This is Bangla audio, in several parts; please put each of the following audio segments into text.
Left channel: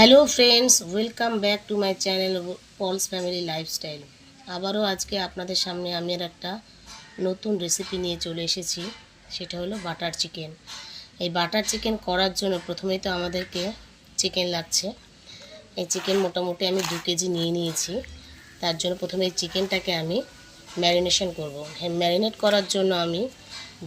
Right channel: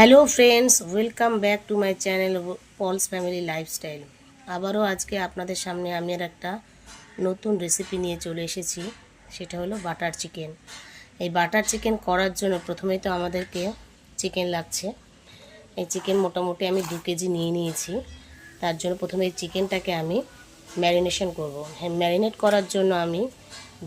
Hello friends welcome back to my channel Pal's family lifestyle আবারও আজকে আপনাদের সামনে আমি আর একটা নতুন রেসিপি নিয়ে চলে এসেছি। সেটা হলো বাটার চিকেন এই বাটার চিকেন করার জন্য প্রথমেই তো আমাদেরকে চিকেন লাগছে। এই চিকেন মোটামুটি আমি দু কেজি নিয়ে নিয়েছি। তার জন্য প্রথমে এই চিকেনটাকে আমি ম্যারিনেশন করব। হ্যাঁ ম্যারিনেট করার জন্য আমি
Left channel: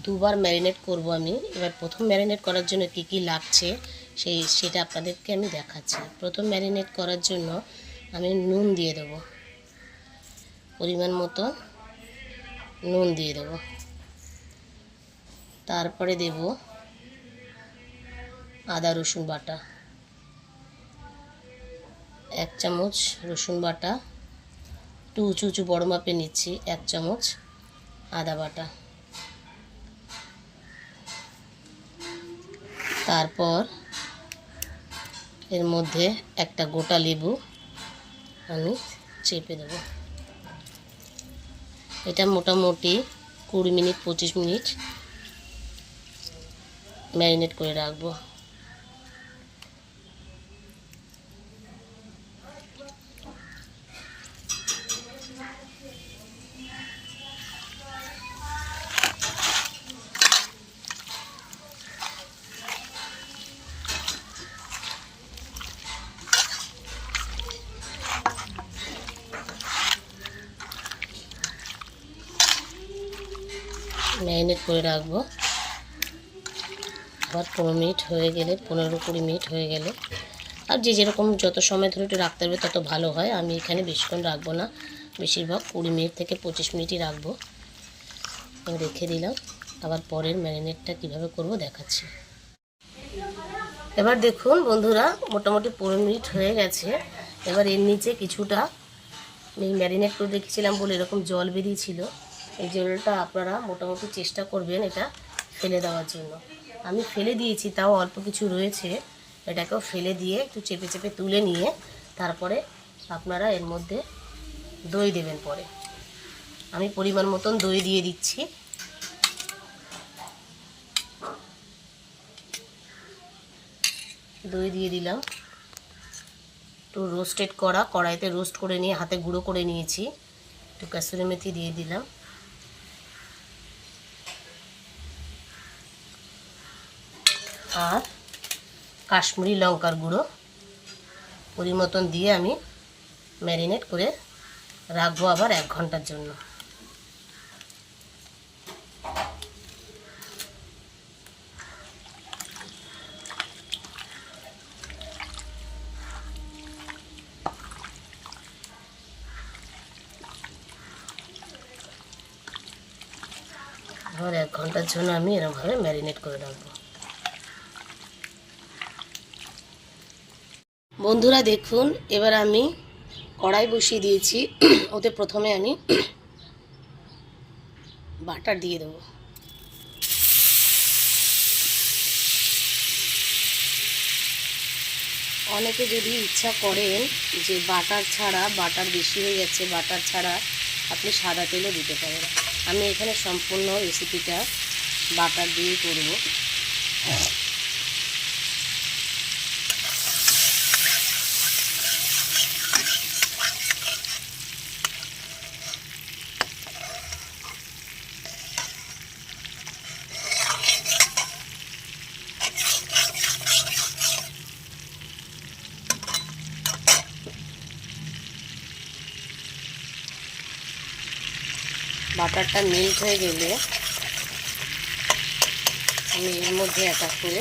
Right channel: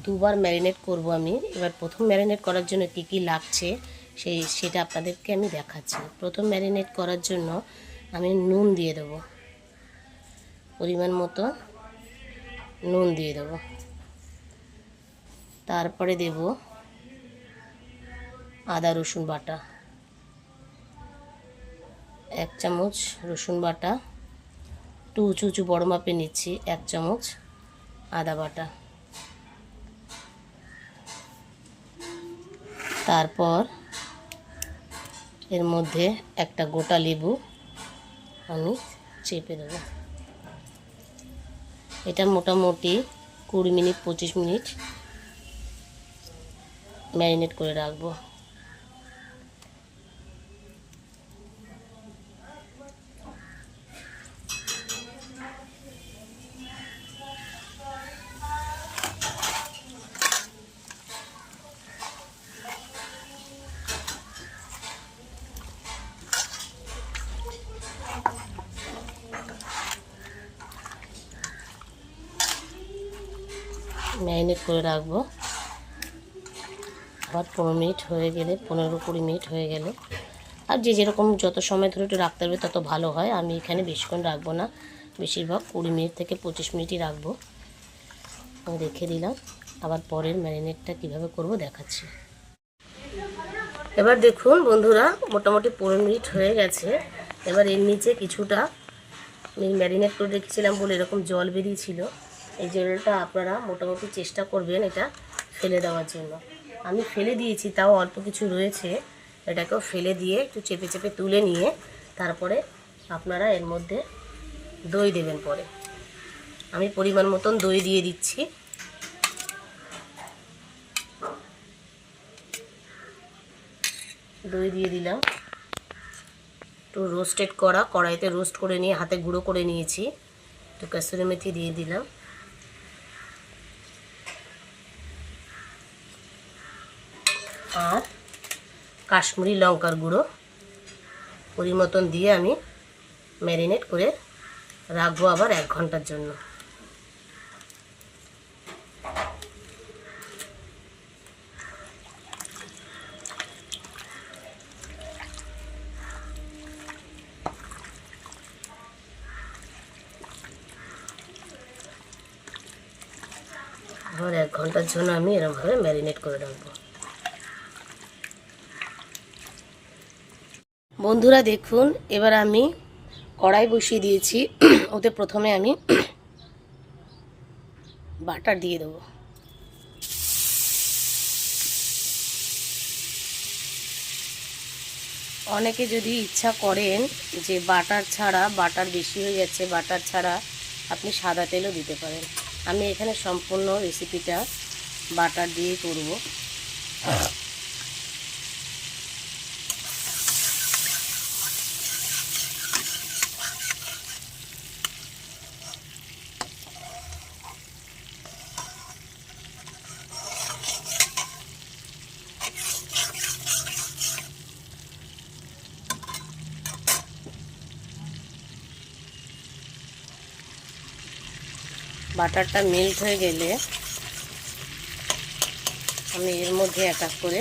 দুবার ম্যারিনেট করব আমি। এবার প্রথম ম্যারিনেট করার জন্য কি কি লাগছে সেই সেটা আপনাদেরকে আমি দেখাচ্ছি। প্রথম ম্যারিনেট করার জন্য আমি নুন দিয়ে দেবো। পরিমাণ মতো নুন দিয়ে দেবো। তারপরে দেব আদা, রসুন বাটা। এক চামচ রসুন বাটা। একটু উঁচু উঁচু বড় মাপে নিচ্ছি, এক চামচ আদা বাটা। তারপর এর মধ্যে একটা গোটা লেবু আমি চেপে দেব। এটা মোটামুটি কুড়ি মিনিট, পঁচিশ মিনিট ম্যারিনেট করে রাখব। ম্যারিনেট করে রাখব। আবার পনেরো মিনিট হয়ে গেলে, পনেরো কুড়ি মিনিট হয়ে গেলে। আর যে যেরকম যত সময় ধরে একটু রাখতে পারবে তত ভালো হয়। আমি এখানে বেশিক্ষণ রাখব না। বেশিরভাগ কুড়ি মিনিট থেকে পঁচিশ মিনিটই রাখব। আমি রেখে দিলাম। আবার পরের ম্যারিনেটটা কীভাবে করব দেখাচ্ছি। এবার দেখুন বন্ধুরা, মোটামুটি পনেরো মিনিট হয়ে গেছে। এবার এর নিচে কিছুটা, আমি ম্যারিনেট করে রেখেছিলাম বলে এরকম জল বেরিয়েছিল। এই জলটা আপনারা মোটামুটি চেষ্টা করবেন এটা ফেলে দেওয়ার জন্য। আমি ফেলে দিয়েছি, তাও অল্প কিছু রয়েছে। এটাকেও ফেলে দিয়ে একটু চেপে চেপে তুলে নিয়ে তারপরে আপনারা এর মধ্যে দই দেবেন পরে। আমি পরিমাণ মতন দই দিয়ে দিচ্ছি। দই দিয়ে দিলাম। একটু রোস্টেড করা, কড়াইতে রোস্ট করে নিয়ে, হাতে গুঁড়ো করে নিয়েছি। একটু কাসুরি মেথি দিয়ে দিলাম। আর কাশ্মীরি লঙ্কার গুঁড়ো পরিমতন দিয়ে আমি ম্যারিনেট করে রাখব আবার এক ঘণ্টার জন্য। আবার এক ঘণ্টার জন্য আমি এরকমভাবে ম্যারিনেট করে রাখব। বন্ধুরা দেখুন, এবার আমি কড়াই বসিয়ে দিয়েছি। ওতে প্রথমে আমি বাটার দিয়ে দেবো। অনেকে যদি ইচ্ছা করেন যে বাটার ছাড়া, বাটার বেশি হয়ে যাচ্ছে বাটার ছাড়া আপনি সাদা তেলও দিতে পারেন। আমি এখানে সম্পূর্ণ রেসিপিটা বাটার দিয়ে করব। বাটারটা মেল্ট হয়ে গেলে আমি এর মধ্যে এক এক করে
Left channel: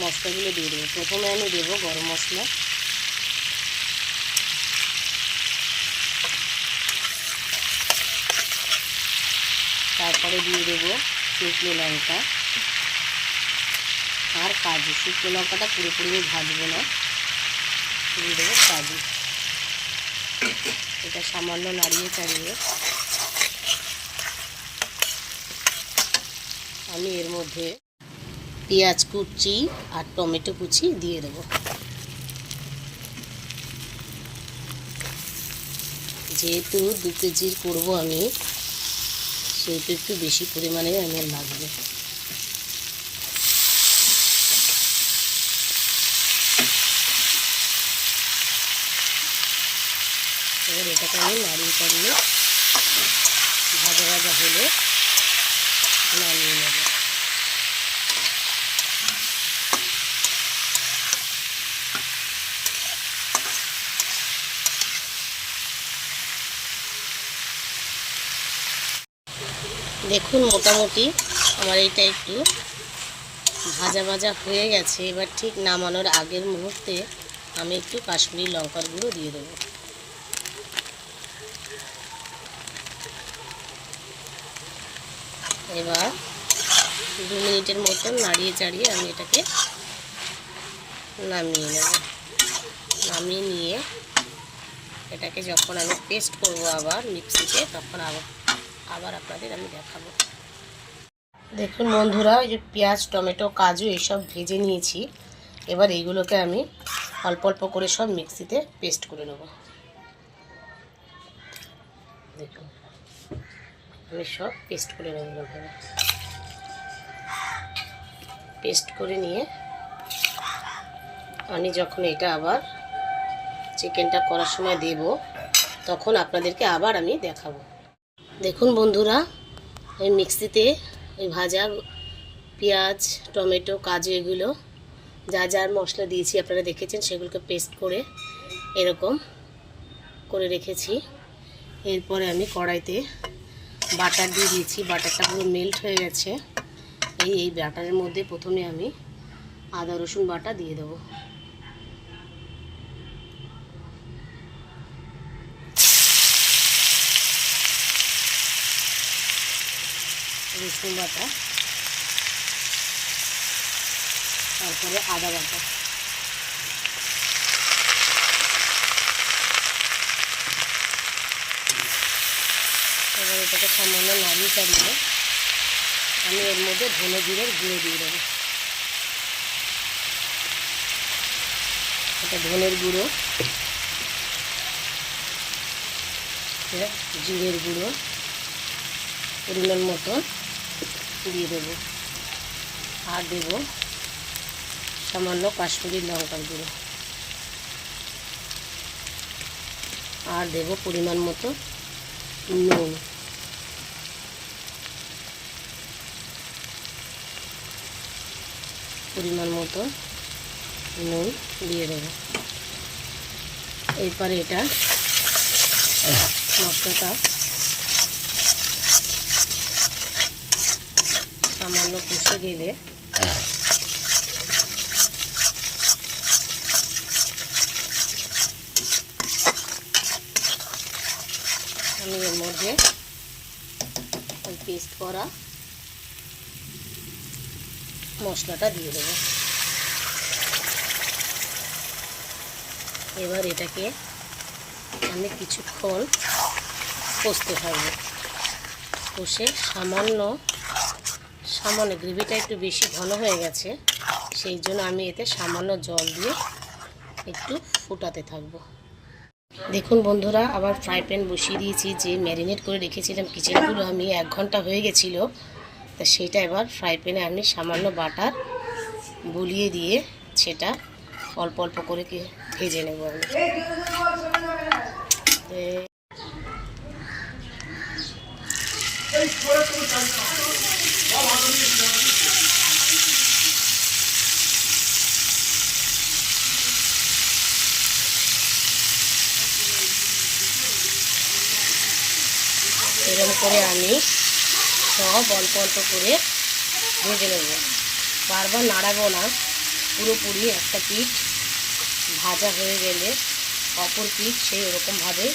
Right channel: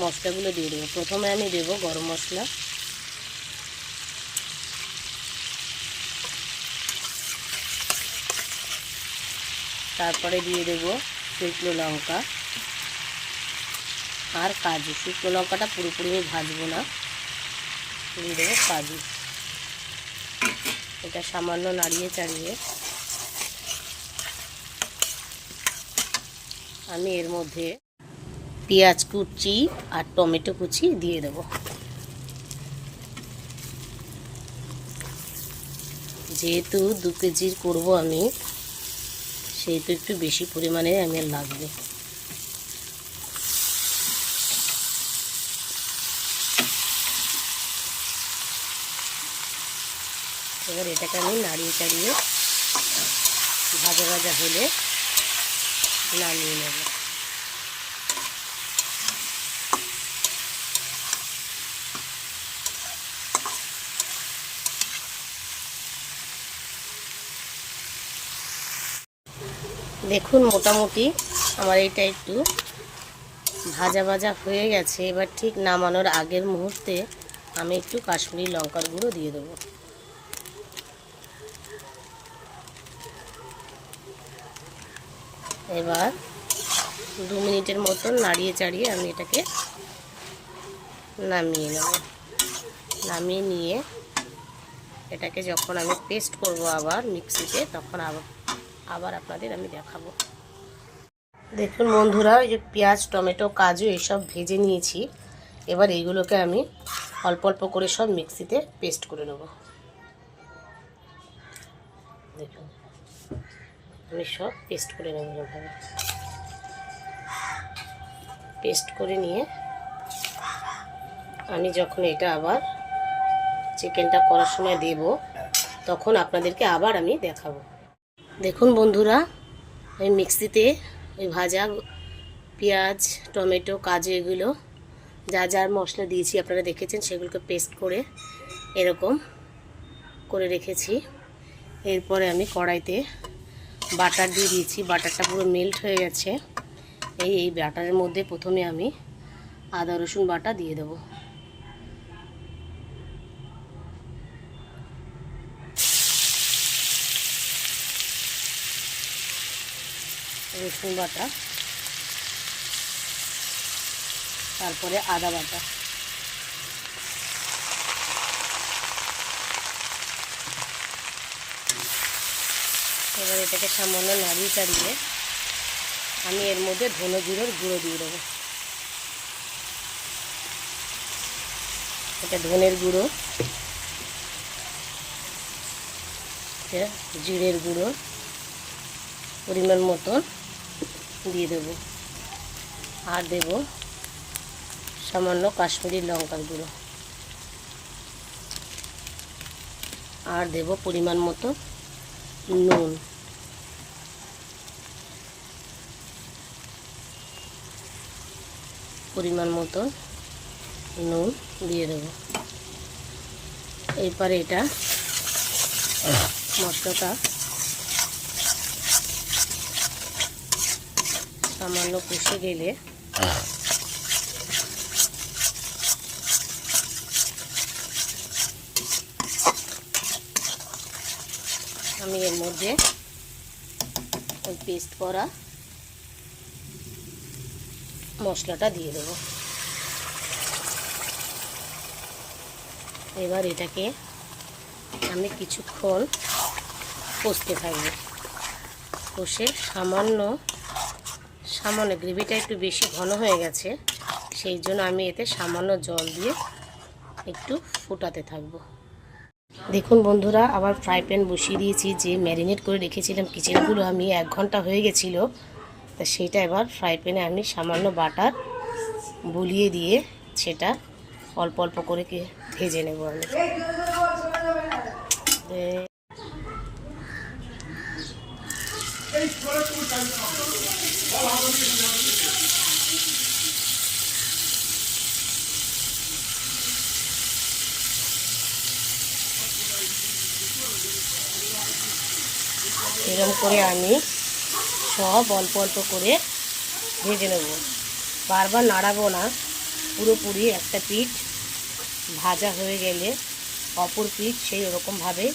মশলাগুলো দিয়ে দেবো। প্রথমে আমি দেবো গরম মশলা। তারপরে দিয়ে দেবো শুকনো লঙ্কা। আর কাজু। শুকনো লঙ্কাটা পুরোপুরি ভাজবো না। দিয়ে দেবো কাজু। এটা সামান্য নাড়িয়ে চাড়িয়ে। আমি এর মধ্যে পেঁয়াজ কুচি আর টমেটো কুচি দিয়ে দেব। যেহেতু দু কেজির করব আমি, সেহেতু একটু বেশি পরিমাণে আমার লাগবে। এবার এটাকে আমি নাড়িয়ে চাড়িয়ে ভাজা ভাজা হলে নামিয়ে নেব। দেখুন মোটামুটি আমার এইটা একটু ভাজা ভাজা হয়ে গেছে। এবার ঠিক নামানোর আগের মুহূর্তে আমি একটু কাশ্মীরি লঙ্কার গুঁড়ো দিয়ে দেবো। এবার দু মিনিটের মতন নাড়িয়ে চাড়িয়ে আমি এটাকে নামিয়ে নেব। নামিয়ে নিয়ে এটাকে যখন আমি পেস্ট করব আবার মিক্সিতে, তখন আবার আবার আপনাদের আমি দেখাবো। দেখুন বন্ধুরা ওই যে পেঁয়াজ, টমেটো, কাজু এসব ভেজে নিয়েছি। এবার এইগুলোকে আমি অল্প অল্প করে সব মিক্সিতে পেস্ট করে নেব। আমি সব পেস্ট করে নেব এভাবে। পেস্ট করে নিয়ে আমি যখন এটা আবার চিকেনটা করার সময় দেব, তখন আপনাদেরকে আবার আমি দেখাবো। দেখুন বন্ধুরা ওই মিক্সিতে ওই ভাজা পেঁয়াজ, টমেটো, কাজু এগুলো যা যার মশলা দিয়েছি আপনারা দেখেছেন, সেগুলোকে পেস্ট করে এরকম করে রেখেছি। এরপরে আমি কড়াইতে বাটার দিয়ে দিয়েছি। বাটারটা পুরো মেল্ট হয়ে গেছে। এই এই বাটারের মধ্যে প্রথমে আমি আদা, রসুন বাটা দিয়ে দেবো। রসুন বাটা। তারপরে আদা বাটা। এবার এটাকে সামান্য নাড়িয়ে চাড়িয়ে আমি এর মধ্যে ধনে জিরের গুঁড়ো দিয়ে দেবো। এটা ধনের গুঁড়ো জিরের গুঁড়ো, পরিমাণ মতো দিয়ে দেবো। আর দেব সামান্য কাশ্মীরি লঙ্কার গুঁড়ো। আর দেব পরিমাণ মতো নুন। পরিমাণ মতো নুন দিয়ে দেব। এরপরে এটা মশলাটা সামান্য কষে গেলে আমি এর মধ্যে ওই পেস্ট করা মশলাটা দিয়ে দেবো। এবার এটাকে আমি কিছুক্ষণ কষতে থাকব। কষে সামান্য সামান্য গ্রেভিটা একটু বেশি ঘন হয়ে গেছে, সেই জন্য আমি এতে সামান্য জল দিয়ে একটু ফুটাতে থাকব। দেখুন বন্ধুরা, আবার ফ্রাই প্যান বসিয়ে দিয়েছি, যে ম্যারিনেট করে রেখেছিলাম কিচেনগুলো, আমি এক ঘণ্টা হয়ে গেছিল। তা সেটা এবার ফ্রাই প্যানে আমি সামান্য বাটার বুলিয়ে দিয়ে সেটা অল্প অল্প করে ভেজে নেব আমি। এরকম করে আমি সব অল্প অল্প করে ভেজে নেব। বারবার নাড়াবো না। পুরোপুরি একটা পিঠ ভাজা হয়ে গেলে অপর পিঠ সেই ওরকমভাবে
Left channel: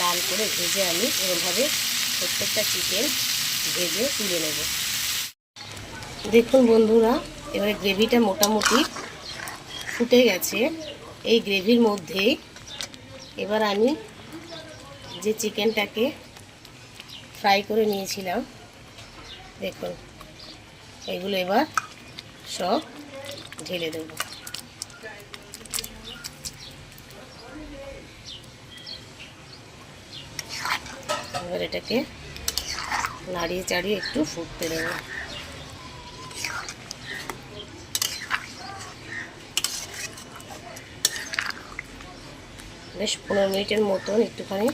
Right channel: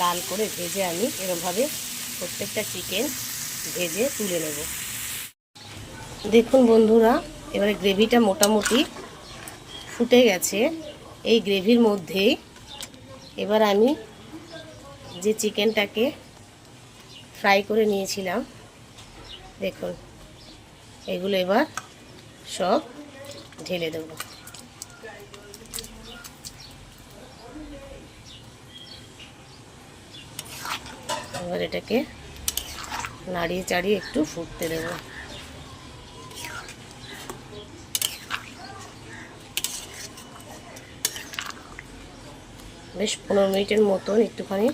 লাল করে ভেজে আমি এরকমভাবে প্রত্যেকটা চিকেন ভেজে তুলে নেব। দেখুন বন্ধুরা, এবারে গ্রেভিটা মোটামুটি ফুটে গেছে। এই গ্রেভির মধ্যে এবার আমি যে চিকেনটাকে ফ্রাই করে নিয়েছিলাম দেখুন, এগুলো এবার সব ঢেলে দেবো। এবার এটাকে নাড়িয়ে চাড়িয়ে একটু ফুটতে দেবো। বেশ পনেরো মিনিটের মতন একটুখানি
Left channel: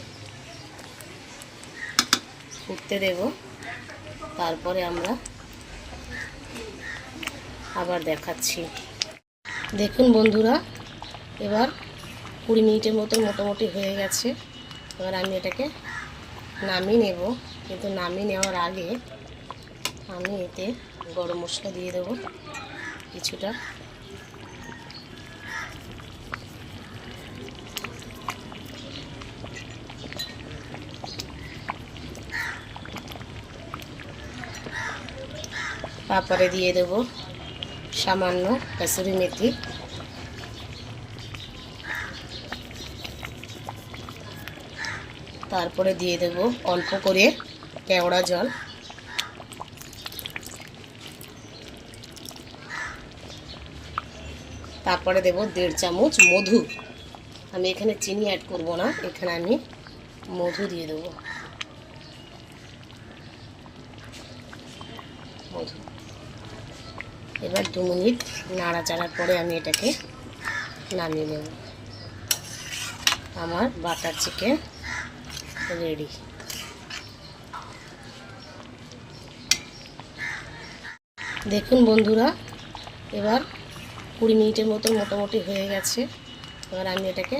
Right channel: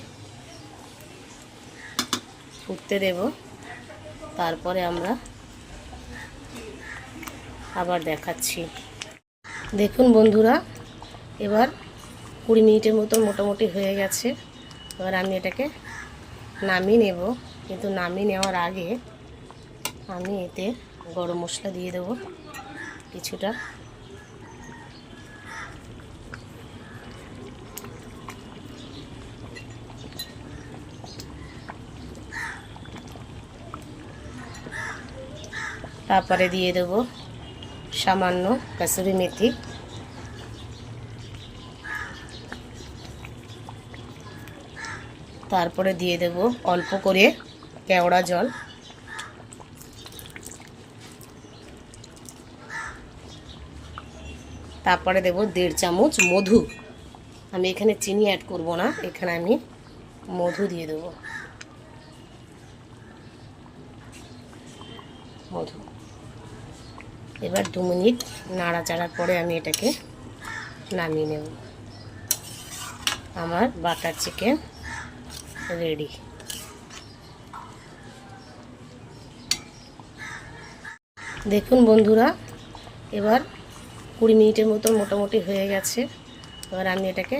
ফুটতে দেব। তারপরে আমরা আবার দেখাচ্ছি। দেখুন বন্ধুরা, এবার কুড়ি মিনিটের মতো মোটামুটি হয়ে গেছে। এবার আমি এটাকে নামিয়ে নেব। কিন্তু নামিয়ে নেওয়ার আগে আমি এতে গরম মশলা দিয়ে দেবো। কিছুটা তারপরে দিয়ে দেবো সামান্য কাসুরি মেথি। তারপরে দিয়ে দেব অল্প করে কেওড়া জল। তারপরে দেব দেড় চামচ মধু। আমি এখানে চিনি অ্যাড করব না, এখানে আমি মধু দিয়ে দেবো। মধু। এবার দু মিনিট নাড়াচাড়ার পরে আমি এটাকে নামিয়ে নেব। আমার বাটার চিকেন রেডি। দেখুন বন্ধুরা, এবার কুড়ি মিনিটের মতো মোটামুটি হয়ে গেছে। এবার আমি এটাকে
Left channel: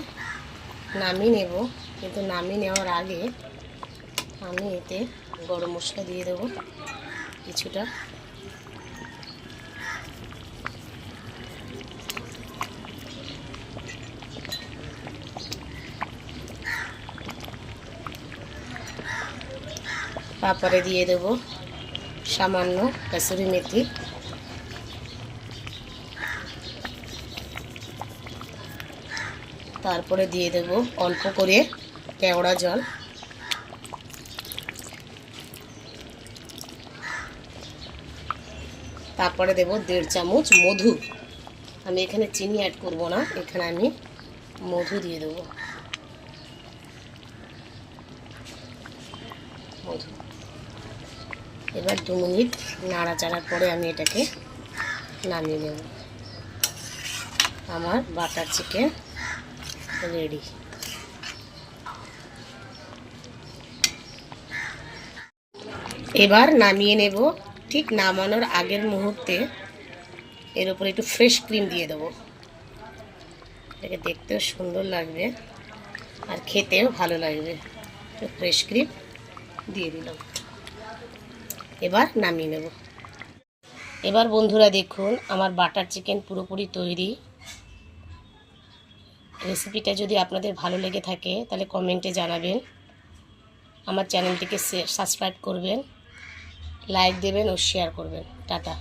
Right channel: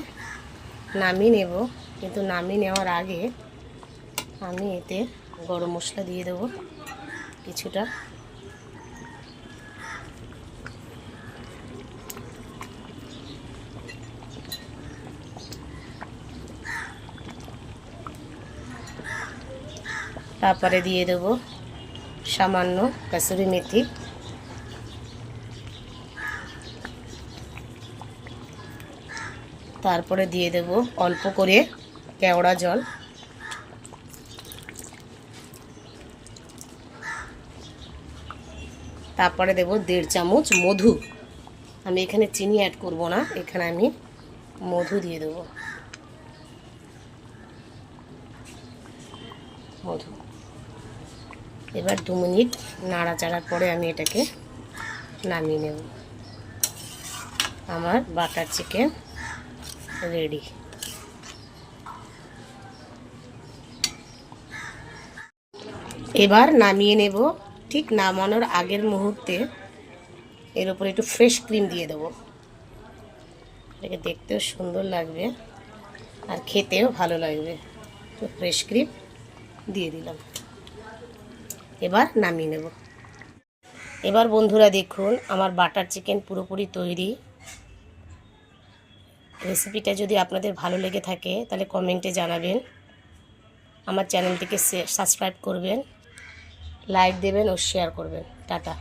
নামিয়ে নেব। কিন্তু নামিয়ে নেওয়ার আগে আমি এতে গরম মশলা দিয়ে দেবো। কিছুটা তারপরে দিয়ে দেবো সামান্য কাসুরি মেথি। তারপরে দিয়ে দেব অল্প করে কেওড়া জল। তারপরে দেব দেড় চামচ মধু। আমি এখানে চিনি অ্যাড করব না, এখানে আমি মধু দিয়ে দেব মধু এবার দু মিনিট নাড়াচাড়ার পরে আমি এটাকে নামিয়ে নেব। আমার বাটার চিকেন রেডি। এবার নামিয়ে নেব। ঠিক নামানোর আগের মুহূর্তে এর উপরে একটু ফ্রেশ ক্রিম দিয়ে দেবো। এটাকে দেখতেও সুন্দর লাগবে আর খেতেও ভালো লাগবে। একটু ফ্রেশ ক্রিম দিয়ে দিলাম। এবার নামিয়ে নেব। এবার বন্ধুরা দেখুন, আমার বাটার চিকেন পুরোপুরি তৈরি। রেসিপিটা যদি আপনাদের ভালো লেগে থাকে, তাহলে কমেন্টে জানাবেন। আমার চ্যানেলটিকে সাবস্ক্রাইব করবেন, লাইক দেবেন ও শেয়ার করবেন। টাটা।